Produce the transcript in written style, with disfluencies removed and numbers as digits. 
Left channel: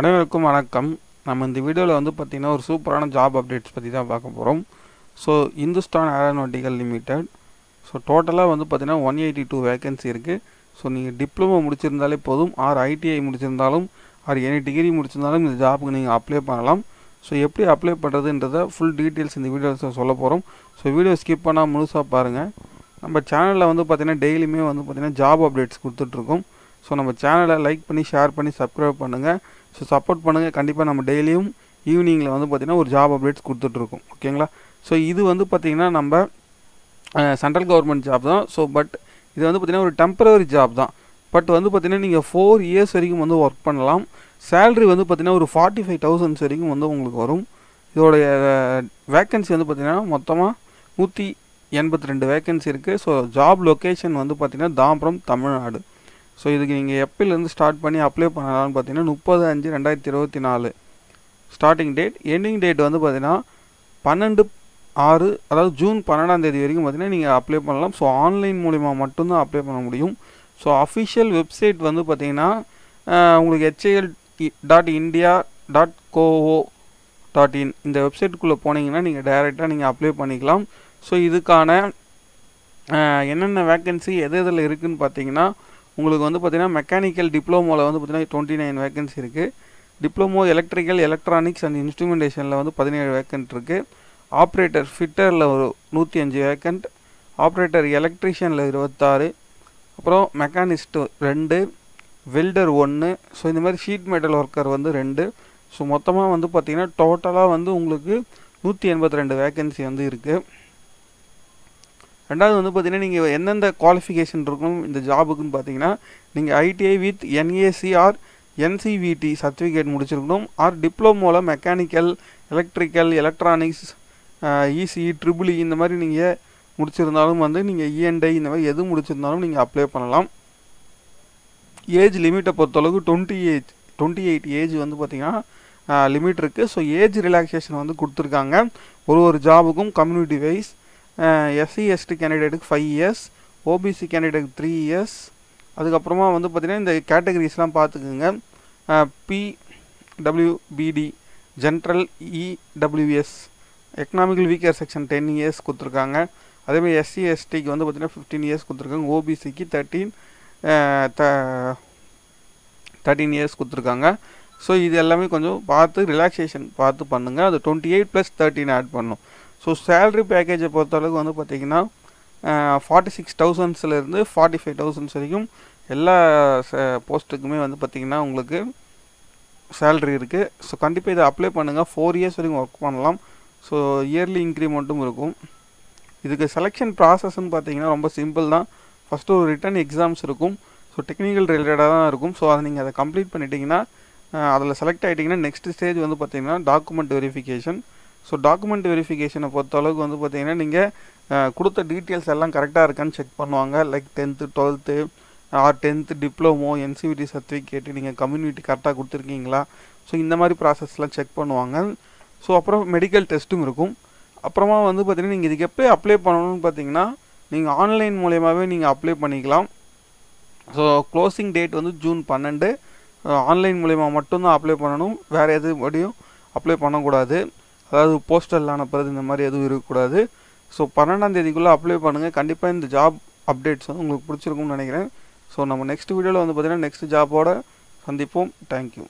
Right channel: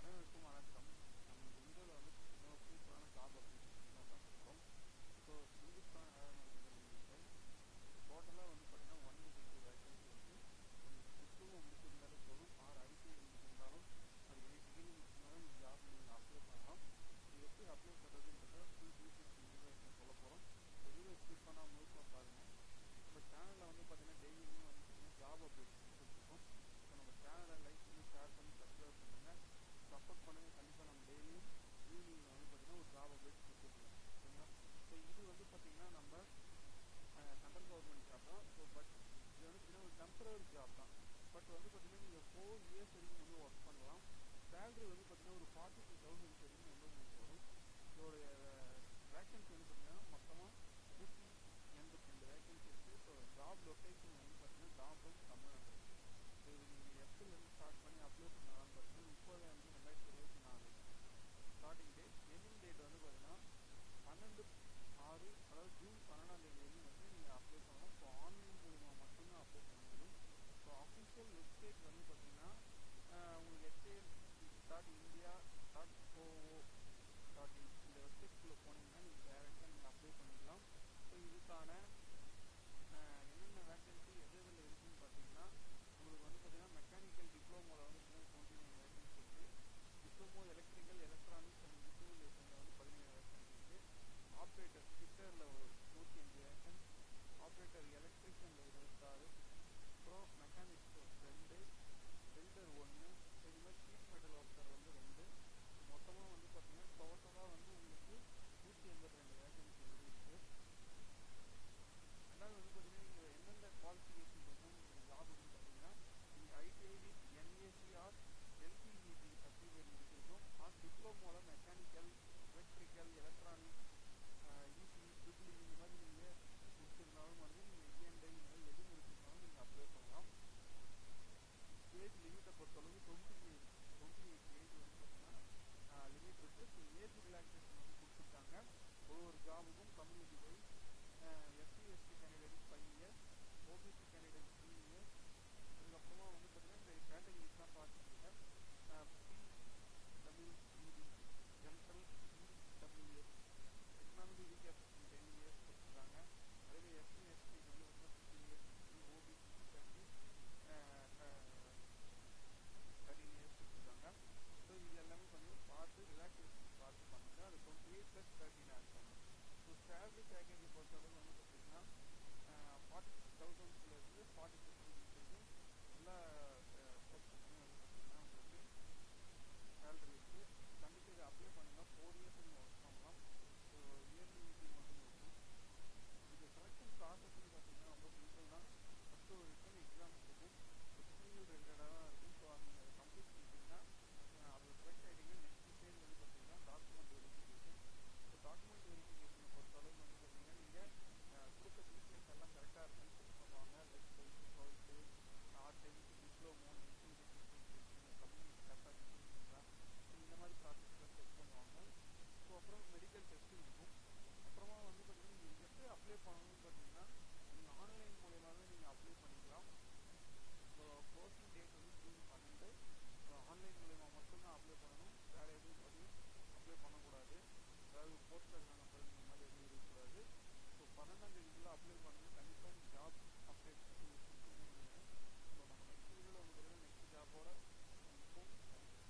அனைவருக்கும் வணக்கம். நம்ம இந்த வீடியோவில் வந்து பார்த்திங்கன்னா ஒரு சூப்பரான ஜாப் அப்டேட்ஸ் பற்றி தான் பார்க்க போகிறோம். So Hindustan aeronautical limited. So டோட்டலாக வந்து பார்த்திங்கன்னா 182 வேகன்சி இருக்குது. ஸோ நீங்கள் டிப்ளமோ முடிச்சிருந்தாலே போதும், ஆர் ஐடிஐ முடிச்சிருந்தாலும், ஆர் எனி டிகிரி முடிச்சிருந்தாலும் இந்த ஜாப்புக்கு நீங்கள் அப்ளை பண்ணலாம். ஸோ எப்படி அப்ளை பண்ணுறதுன்றதை ஃபுல் டீட்டெயில்ஸ் இந்த வீடியோவில் சொல்ல போகிறோம். ஸோ வீடியோ ஸ்கிப் பண்ணால் முழுசாக பாருங்கள். நம்ம சேனலில் வந்து பார்த்திங்கன்னா டெய்லியுமே வந்து பார்த்திங்கன்னா ஜாப் அப்டேட்ஸ் கொடுத்துட்ருக்கோம். ஸோ நம்ம சேனலை லைக் பண்ணி ஷேர் பண்ணி சப்ஸ்கிரைப் பண்ணுங்கள். ஸோ சப்போர்ட் பண்ணுங்கள். கண்டிப்பாக நம்ம டெய்லியும் ஈவினிங்கில் வந்து பார்த்திங்கன்னா ஒரு ஜாப் அப்டேட்ஸ் கொடுத்துட்ருக்கோம். ஓகேங்களா? ஸோ இது வந்து பார்த்திங்கன்னா நம்ம சென்ட்ரல் கவர்மெண்ட் ஜாப் தான். ஸோ பட் இது வந்து பார்த்திங்கன்னா ஒரு டெம்பரரி ஜாப் தான். பட் வந்து பார்த்திங்கன்னா நீங்கள் 4 இயர்ஸ் வரைக்கும் வந்து ஒர்க் பண்ணலாம். சேல்ரி வந்து பார்த்திங்கன்னா ஒரு 45,000 வரைக்கும் வந்து உங்களுக்கு வரும். இதோடைய வேக்கன்சி வந்து பார்த்திங்கன்னா மொத்தமாக 182 வேக்கன்சி இருக்குது. ஸோ ஜாப் லொக்கேஷன் வந்து பார்த்திங்கன்னா தாம்பரம், தமிழ்நாடு. ஸோ இதுக்கு நீங்கள் எப்போலேருந்து ஸ்டார்ட் பண்ணி அப்ளை பண்ணலாம்னு பார்த்தீங்கன்னா 30/5/2024 ஸ்டார்டிங் டேட். எண்டிங் டேட் வந்து பார்த்தீங்கன்னா 12/6, அதாவது ஜூன் 12ஆம் தேதி வரைக்கும் பார்த்தீங்கன்னா நீங்கள் அப்ளை பண்ணலாம். ஸோ ஆன்லைன் மூலிமா மட்டும்தான் அப்ளை பண்ண முடியும். ஸோ அஃபிஷியல் வெப்சைட் வந்து பார்த்தீங்கன்னா உங்களுக்கு HAL.India.co.in இந்த வெப்சைட்டுக்குள்ளே போனீங்கன்னா நீங்கள் டைரெக்டாக நீங்கள் அப்ளை பண்ணிக்கலாம். ஸோ இதுக்கான என்னென்ன வேக்கன்சி எது எதில் இருக்குதுன்னு பார்த்தீங்கன்னா உங்களுக்கு வந்து பார்த்திங்கன்னா மெக்கானிக்கல் டிப்ளமோவில் வந்து பார்த்திங்கன்னா 29 வேக்கன்சி இருக்குது. டிப்ளமோ எலக்ட்ரிக்கல் எலக்ட்ரானிக்ஸ் அண்ட் இன்ஸ்ட்ருமெண்டேஷனில் வந்து 17 வேக்கன்ட் இருக்குது. ஆப்ரேட்டர் ஃபிட்டரில் ஒரு 105 வேக்கன்ட். ஆப்ரேட்டர் எலக்ட்ரிஷியனில் 26. அப்புறம் மெக்கானிஸ்ட் 2, வெல்டர் 1. ஸோ இந்த மாதிரி ஷீட் மெட்டல் ஒர்க்கர் வந்து 2. ஸோ மொத்தமாக வந்து பார்த்திங்கன்னா டோட்டலாக வந்து உங்களுக்கு 182 வேக்கன்சி வந்து இருக்குது. ரெண்டாவது வந்து பார்த்திங்கன்னா நீங்கள் எந்தெந்த குவாலிஃபிகேஷன் இருக்கணும் இந்த ஜாபுக்குன்னு பார்த்தீங்கன்னா நீங்கள் ITI with NAC or NCVT certificate முடிச்சிருக்கணும், ஆர் டிப்ளமோவில் mechanical electrical electronics ECE triple E இந்த மாதிரி நீங்கள் முடிச்சிருந்தாலும் வந்து நீங்கள் இஎன்ஐ இந்த மாதிரி எது முடிச்சிருந்தாலும் நீங்கள் அப்ளை பண்ணலாம். ஏஜ் லிமிட்டை பொறுத்தளவுக்கு 28 ஏஜ் வந்து பார்த்திங்கன்னா லிமிட் இருக்குது. ஸோ ஏஜ் ரிலாக்ஸேஷன் வந்து கொடுத்துருக்காங்க ஒரு ஜாபுக்கும் கம்யூனிட்டி வைஸ். எஸ்சி எஸ்டி கேண்டிடேட்டுக்கு 5 இயர்ஸ், ஓபிசி கேண்டிடேட்டுக்கு 3 இயர்ஸ். அதுக்கப்புறமா வந்து பார்த்திங்கன்னா இந்த கேட்டகரிஸ்லாம் பார்த்துக்குங்க. பிடபிள்யூபிடி general, EWS economical weaker section 10 years கொடுத்துருக்காங்க. அதேமாதிரி எஸ்சி எஸ்டிக்கு வந்து பார்த்திங்கன்னா 15 இயர்ஸ் கொடுத்துருக்காங்க. ஓபிசிக்கு 13 இயர்ஸ் கொடுத்துருக்காங்க. ஸோ இது எல்லாமே கொஞ்சம் பார்த்து ரிலாக்ஸேஷன் பார்த்து பண்ணுங்கள். அது 28 + 13 ஆட் பண்ணும். ஸோ சேல்ரி பேக்கேஜை பொறுத்தளவுக்கு வந்து பார்த்திங்கன்னா 46,000 45,000 வரைக்கும் எல்லா போஸ்ட்டுக்குமே வந்து பார்த்திங்கன்னா உங்களுக்கு சேல்ரி இருக்குது. ஸோ கண்டிப்பாக இதை அப்ளை பண்ணுங்கள். 4 இயர்ஸ் வரைக்கும் ஒர்க் பண்ணலாம். ஸோ இயர்லி இன்க்ரிமெண்ட்டும் இருக்கும். இதுக்கு செலெக்ஷன் ப்ராசஸ்ன்னு பார்த்தீங்கன்னா ரொம்ப சிம்பிள் தான். ஃபஸ்ட்டு ஒரு ரிட்டன் எக்ஸாம்ஸ் இருக்கும். ஸோ டெக்னிக்கல் ரிலேட்டடாக தான் இருக்கும். ஸோ அதை நீங்கள் அதை கம்ப்ளீட் பண்ணிட்டீங்கன்னா அதில் செலக்ட் ஆகிட்டிங்கன்னா நெக்ஸ்ட் ஸ்டேஜ் வந்து பார்த்திங்கன்னா டாக்குமெண்ட் வெரிஃபிகேஷன். ஸோ டாக்குமெண்ட் வெரிஃபிகேஷனை பொறுத்தளவுக்கு வந்து பார்த்திங்கன்னா நீங்கள் கொடுத்த டீட்டெயில்ஸ் எல்லாம் கரெக்டாக இருக்கான்னு செக் பண்ணுவாங்க. Like 10th 12th or 10th diploma NCVT certificate நீங்கள் கம்யூனிட்டி கரெக்டாக கொடுத்துருக்கீங்களா. ஸோ இந்த மாதிரி ப்ராசஸ்லாம் செக் பண்ணுவாங்க. ஸோ அப்புறம் மெடிக்கல் டெஸ்ட்டும் இருக்கும். அப்புறமா வந்து பார்த்திங்கன்னா நீங்கள் இதுக்கு எப்போ அப்ளை பண்ணணும்னு பார்த்தீங்கன்னா நீங்கள் ஆன்லைன் மூலியமாகவே நீங்கள் அப்ளை பண்ணிக்கலாம். ஸோ க்ளோசிங் டேட் வந்து ஜூன் 12. ஆன்லைன் மூலிமா மட்டும்தான் அப்ளை பண்ணணும். வேறு எதுபடியும் அப்ளை பண்ணக்கூடாது. அதாவது போஸ்டரில் அனுப்புறது இந்த மாதிரி எதுவும் இருக்கக்கூடாது. ஸோ 12ஆம் தேதிக்குள்ளே அப்ளை பண்ணுங்கள். கண்டிப்பாக இந்த ஜாப் அப்டேட்ஸ் வந்து உங்களுக்கு பிடிச்சிருக்கும்னு நினைக்கிறேன். ஸோ நம்ம நெக்ஸ்ட் வீடியோவில் வந்து பார்த்திங்கன்னா நெக்ஸ்ட் ஜாபோட சந்திப்போம். தேங்க்யூ.